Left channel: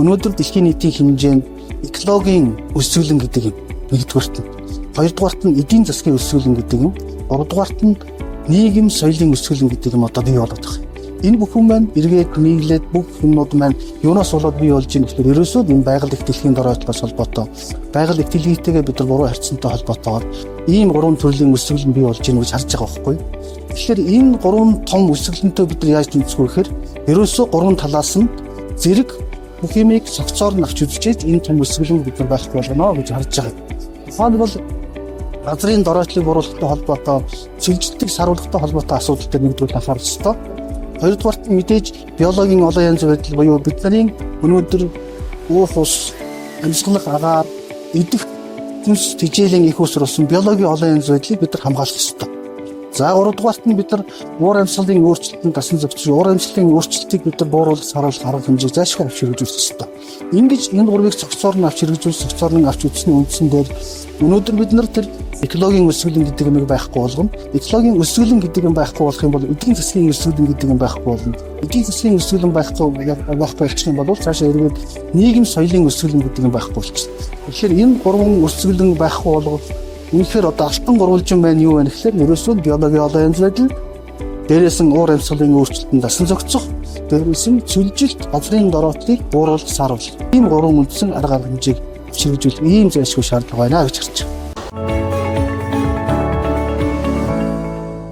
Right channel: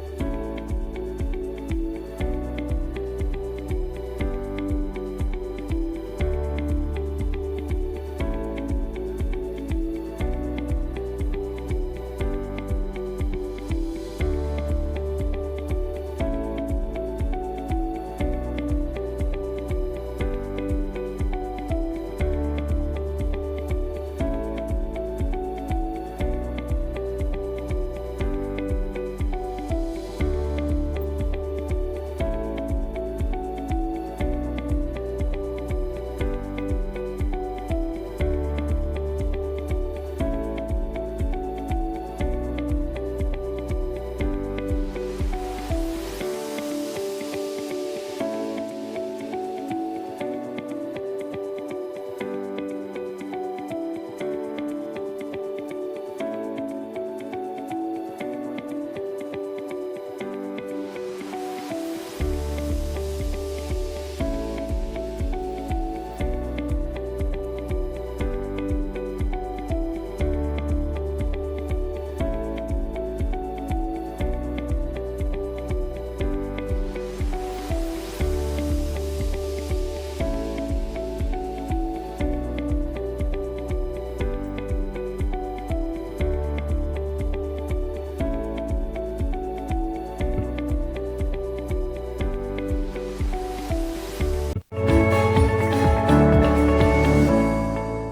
өнөөдөр дэлхийн нийтийн хэмжээнд экологийн өсвөлэн гэдэг юм. Нэгдүгээрт нь. Хоёрдугаарт нь эдийн засгийн өсвөлэн гэдэг юм. Гуравдугаарт нь нийгэм соёлын өсвөлэн гэдэг юм одоо бий болоод байна. Энэ бүхэн маань эргээд нийлээд бүх юмнууд маань юунаас болоод бий болж байгаа гэхээр ерөөсөө энэ байгаль их дэлхийн доройтлоос холбоотой байгаль их дэлхийтэйгээ бид нар буруу харьцантай холбоотойгоор ийм гурван төрлийн өсвөл бий болж байгаа гэж харж байгаа байхгүй. Тэгэхээр энэ гурван том өсвөлөнтэй бид нар яаж тэмцэх вэ гэхээр ерөөсөө гурван талаас нь зэрэг бүх юмыг согцоор нь авч үзчихээд энэ том өсвөлэн бид нар байхгүй болно гэж харж байгаа. Тухайн бол газрын доройтлыг буруулахтай холбоотой, цэвэрлэгтэй саруулахтай холбоотой асуудал дээр нэгдүгээр анхаарах ёстой. Хоёрдугаарт мэдээж биологийн олон янз байдал буюу бидний өнөөдөр уух ус, амьсгалах агаар, идэх хүнс тэжээлийн их уср болсон биологийн олон янз байдлыг бид нар хамгаалах ёстой. За гуравдугаарт нь бид нар уур амьсгалын өөрчлөлтөнд дасан зохицож, уур амьсгалын өөрчлөлтийг бид нар бууруулах, саруулах арга хэмжээг заашгүй авч хэрэгжүүлэх ёстой. Ингэж энэ гурвыг цогцоор нь авч хэрэгжүүлэх, цогцоор нь авч үзсний үндсэндээ өнөөдөр бид нар тэр экологийн өсвөлэн гэдэг юм байхгүй болгоно. Экологийн өсвөлэн гэдэг юм байхгүй болох юм бол эдийн засгийн өсвөлэн гэдэг юм байхгүй болно. Эдийн засгийн өсвөлэн байхгүй болчих юм бол цаашаа эргээд нийгэм соёлын өсвөлэн гэдэг юм байхгүй болчихно. Тэгэхээр энэ гурван өсвөлэн байхгүй болгох үнэхээр одоо алтан гурвалжин байна юу вэ гэхээр ерөөсөө биологийн олон янз байдал, дээрээс нь уур амьсгалын өөрчлөлтөнд дасан зохицох, дээрээс нь цэвэржилт, газрын дороотлыг бууруулах, саруулах. Ийм гурван үндсэн арга хэмжээг хэрэгжүүлэх ийм зайлшгүй шаардлага байна гэж харж байна.